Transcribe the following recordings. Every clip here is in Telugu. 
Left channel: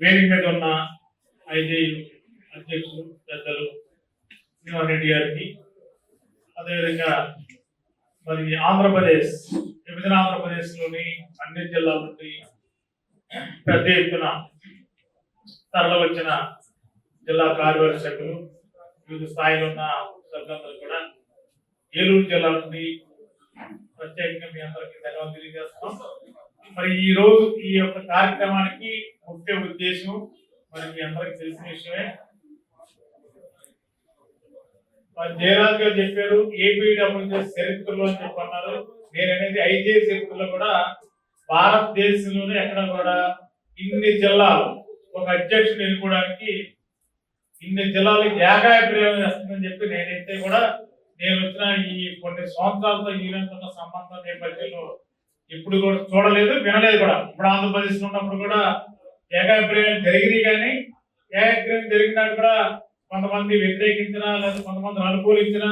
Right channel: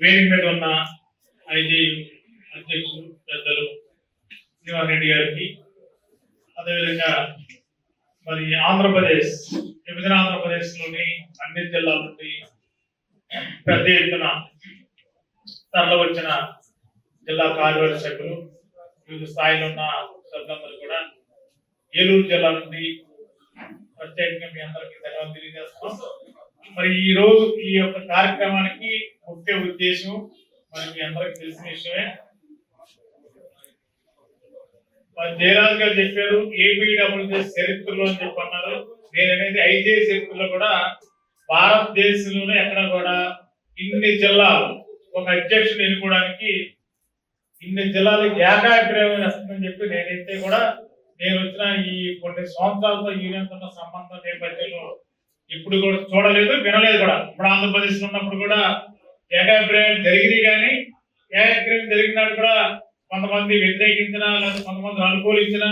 వేదిక మీద ఉన్న ఐటీ అధ్యక్షులు పెద్దలు శ్రీనివాస్ రెడ్డి గారికి. అదేవిధంగా మరి ఆంధ్రప్రదేశ్ విభజన ఆంధ్రప్రదేశ్లోని అన్ని జిల్లాల నుండి పెద్ద ఎత్తున తరలివచ్చిన జిల్లా కార్యవర్గ సభ్యులు వివిధ స్థాయిలో ఉన్న సభ్యులందరూ కూడా ఏలూరు జిల్లా నుండి ప్రత్యేకంగా మీ అందరికీ ధన్యవాదాలు తెలియజేస్తున్నాం. మరి ఈ రోజు ఈ యొక్క కార్యక్రమానికి ముఖ్య ఉద్దేశం మరి మీ అందరికి తెలిసిన విషయమే జయరాజ్ గారు చెప్పారు ఏపీడబ్ల్యూజే చరిత్రలో అని చెప్పన్నారు నేననేది ఐజే చరిత్రలో కూడా భారతదేశంలోనే ఎక్కడ కూడా ఇన్ని జిల్లాలు ఒక అధ్యక్షుడు ఎన్నుకోవడానికి ఇన్ని జిల్లాలకు ఏకాభిప్రాయం వస్తుందని చెప్పి నేనైతే కూడా నేను వచ్చిన ఈ కొన్ని సంవత్సరాలతో యూనియన్ సంబంధం నేపథ్యంలో ఇప్పుడు కూడా చూడలేదు వినలేదు కూడా. ఇప్పుడు ఆంధ్రప్రదేశ్ ఉన్నప్పుడు కూడా ఏకాభిప్రాయం జరిగింది కానీ ఏకాభిప్రాయం జరిగినట్టు కూడా కొంతమంది వ్యతిరేకించినా లేదా కొంతమంది అనుకూలించిన.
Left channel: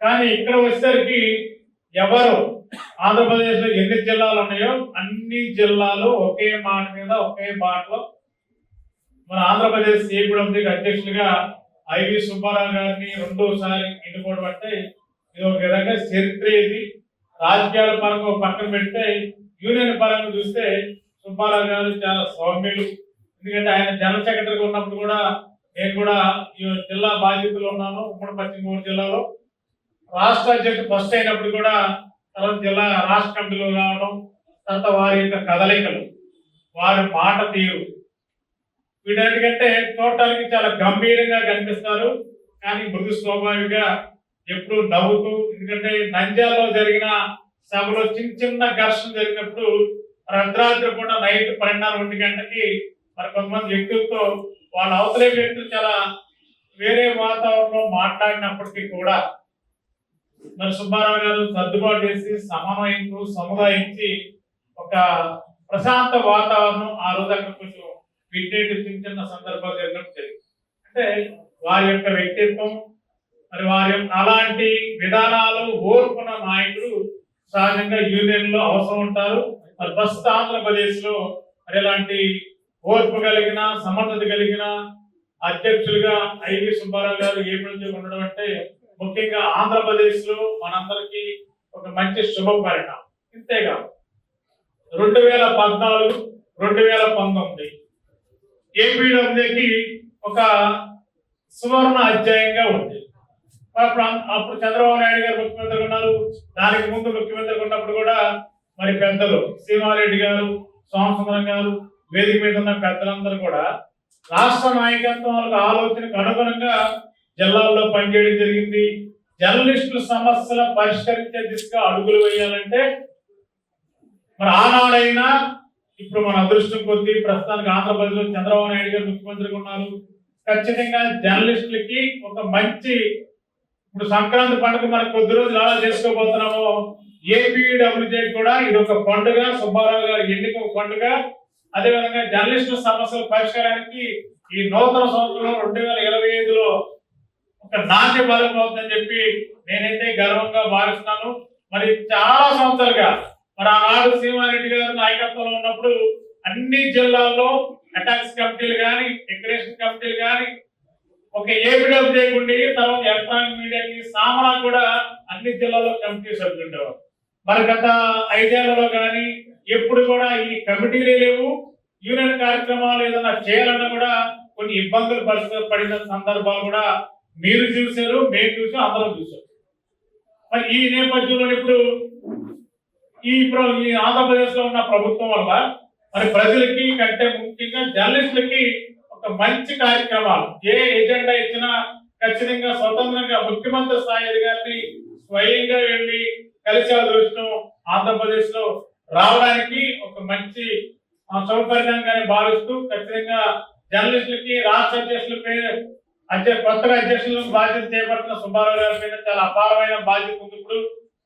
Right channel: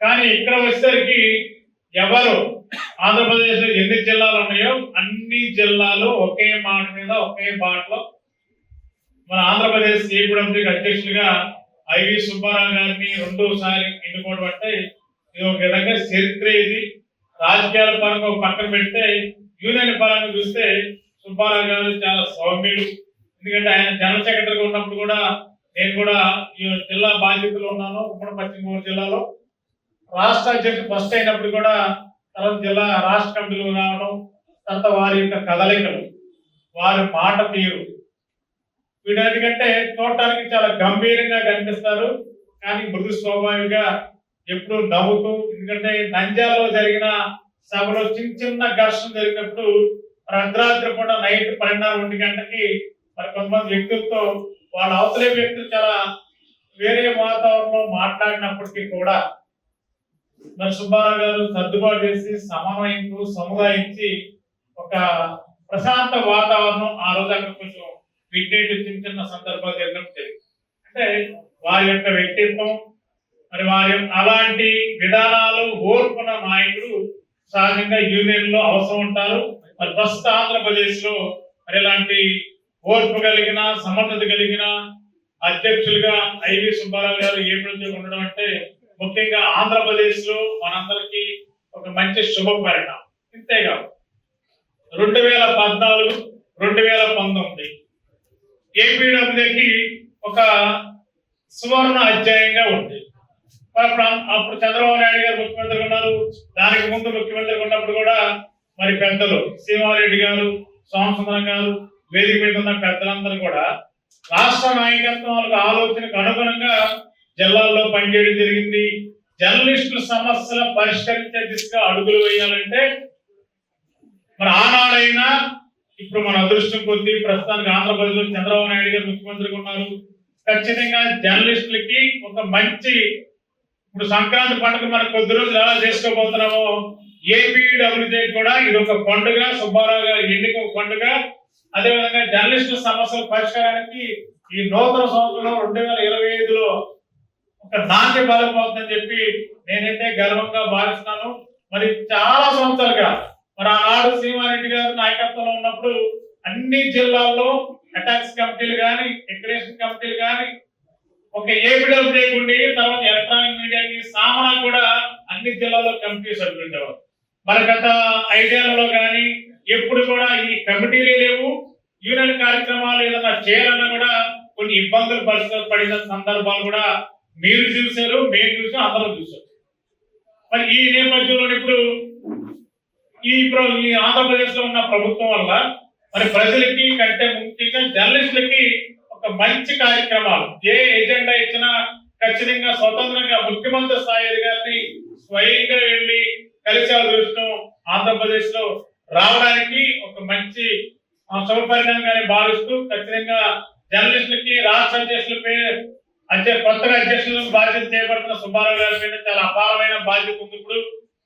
కానీ ఇక్కడ వచ్చేసరికి ఎవరు ఆంధ్రప్రదేశ్లో ఎన్ని జిల్లాలు ఉన్నాయో అన్ని జిల్లాలు ఒకే మాట మీద ఒకే బాటలో మన ఆంధ్రప్రదేశ్ ఏపీ అధ్యక్షుడిగా ఐవి సుబ్బారావు గారిని రెండోసారి ఎన్నుకోవడం అంటే ఇది ఒక విధంగా చరిత్ర ఇది. రాజకీయాల పరంగా ఒక పక్కన పెడితే యూనియన్ పరంగా చూస్తే సుబ్బారావు గారు చాలా సౌమ్యులు. ఎందుకంటే ఆయన జనరల్ సెక్రటరీగా ఉన్నప్పుడు కూడా నేను కూడా ఈ జిల్లా బాధ్యతలు ఉన్నాను ఉమ్మడి పశ్చిమ గోదావరి జిల్లాలో. రాష్ట్ర అధ్యక్షుడు ఫస్ట్ అయినప్పుడు కూడా తర్వాత జిల్లా రాష్ట్ర కమిటీలో రావడం తర్వాత వారి యొక్క కదలికలు వారి మాట తీరు. వీటన్నిటికంటే చూడటానికి చాలా గంభీరంగా కనిపిస్తారు. కానీ మృదు స్వాభావికంగా ఎప్పుడు నవ్వుతూ ఎందుకంటే నంద్యాలలో జరిగిన సభలో చిన్న చిన్న ఘర్షణ జరిగినప్పుడు మరి కూడా నైట్ పన్నెండున్నర గంటకి మరి కొంతమంది వ్యక్తులతో వాళ్ళ అవతలే వ్యక్తులు చాలా వేరే వాతావరణంలో మాట్లాడినప్పటికీ కూడా మరి సుబ్బారావు గారు సర్దుబాటు చేసి సమన్వయించు సముదాయించి ఒక ప్రశాంత వాతావరణం ఆ రోజు అక్కడ కొంచెం వింటేట్ చిన్న చిన్న సందర్భాలు జరిగినప్పుడు జరిగింది. అంటే వారి యొక్క వ్యక్తిత్వం మరి వారి యొక్క అలాంటి విధానాలు ఓర్పున నాయకుడు సహజంగా యూనియన్లో అవసరం ఉంటారు. మరి ప్రస్తుత ఆంధ్రప్రదేశ్లో మరి ఇలాంటి ఓర్పు కలిగిన సమర్థత కలిగిన అధ్యక్షులుగా ఐవి సుబ్బారావు గారు ఏమిటి ఉండడం అంటే ముఖ్యంగా ఆంధ్రప్రదేశ్లో మనందరికీ ఒక మంచి శుభ పరిణామం. ఇంతేకాదు రెండు వేల పద్నాలుగు రెండు వేల పంతొమ్మిది ఏపీడబ్ల్యూకి ఒక సువర్ణ అధ్యాయంగా ఉంది. అప్పుడు చంద్రబాబు నాయుడు గారు ముఖ్యమంత్రిగా ఉన్నారు. దానికి ముందు ముఖ్యమంత్రిగా ఉన్నప్పుడు కూడా మరి పెద్దలు శ్రీమారెడ్డి గారు సోమసుందరం గారు వేదిక మీద ఉన్న పెద్దలందరూ కూడా రాష్ట్ర నాయకత్వాలకు ఆలోచనకు అనుగుణంగా జిల్లాల్లో పనిచేయడం జరిగింది. జర్నలిస్టుల సమస్యలు పరిష్కరించే దిశగా అడుగులు వేయాలంటే మరి ఆనాడైనా ఇప్పుడు మన అదృష్టం కొద్ది ప్రస్తుతానికి ఆంధ్రప్రదేశ్లో చంద్రబాబు నాయుడు గారు ముఖ్యమంత్రిగా ఉన్నారు. ఖచ్చితంగా జర్నలిస్టులకి ఒక మంచి ఇప్పుడు సంక్రాంతి పండుగ మనం కొద్ది రోజులు ఎలా చేసుకోబోతున్నామో ఏపీడబ్ల్యూజే కూడా ఇది ఒక పండుగ సుబ్బారావు గారి ఎన్నిక ఒక పండుగ. అదేవిధంగా జర్నలిస్టుల సమస్యల పరిష్కారానికి ఈ నూతన సంవత్సరంలో రెండు వేల ఇరవై ఐదులో ఒక నాణ్య బలం అవుతుందని చెప్పి నేనైతే గర్వంగా భావిస్తున్నాను. మరి చాలా సంవత్సరాలుగా మరి ఆనాడు శ్రీమారెడ్డి గారు నాయకత్వంలో ఉన్నప్పుడు అన్ని జిల్లాల్లో అటాక్స్ కమిటీలు కానీ డెకరేషన్ కమిటీలు కానీ ఒక ఏపీడబ్ల్యూ చేయకుండి తర్వాత ఎలక్ట్రానిక్ మీడియాకి సామాన్ కూడా అన్ని జిల్లాల్లో కమిటీ సభ్యులు ఉండేవారు. మరి గత ఐదేళ్ళలో కానీ ఎప్పుడు కూడా ఈ కమిటీలే లేవు. యూనియన్ కార్యక్రమాలు ఏదైనా చేయాలన్నా కూడా కొన్ని ఇబ్బందులు పరిస్థితులు పడిన సందర్భాలు కూడా మీరు చూశారు మేము చూసాం అందరం చూశారు మరి ఈ నేపథ్యంలో ఇప్పుడు ఈ ప్ర- ఈ ఆంధ్రప్రదేశ్లో ఉన్న ప్రభుత్వం వల్ల మరి ప్రజలకి కంటే ముఖ్యంగా జర్నలిస్టులకి ఒక మంచి కార్యక్రమాలు ఏ ఎజెండా ఇచ్చినా ఖచ్చితంగా స్వతంత్రంగా ముఖ్యమంత్రి స్థాయి అధికారిని స్వయంగా వెళ్ళి కలిసే అదృష్టం ఆంధ్రప్రదేశ్లో రావడానికి ఒక మంచి ఆ, శుభపరిణామంగానే భావిస్తూ ఖచ్చితంగా జర్నలిస్టులకి రాష్ట్ర అధ్యక్షులపై అంటే కొత్తగా అధ్యక్షులకు బాధ్యత చేపడుతున్న సుబ్బారావు గారి చాలా అపారమైన బాధ్యత ఉంది ఇప్పుడు.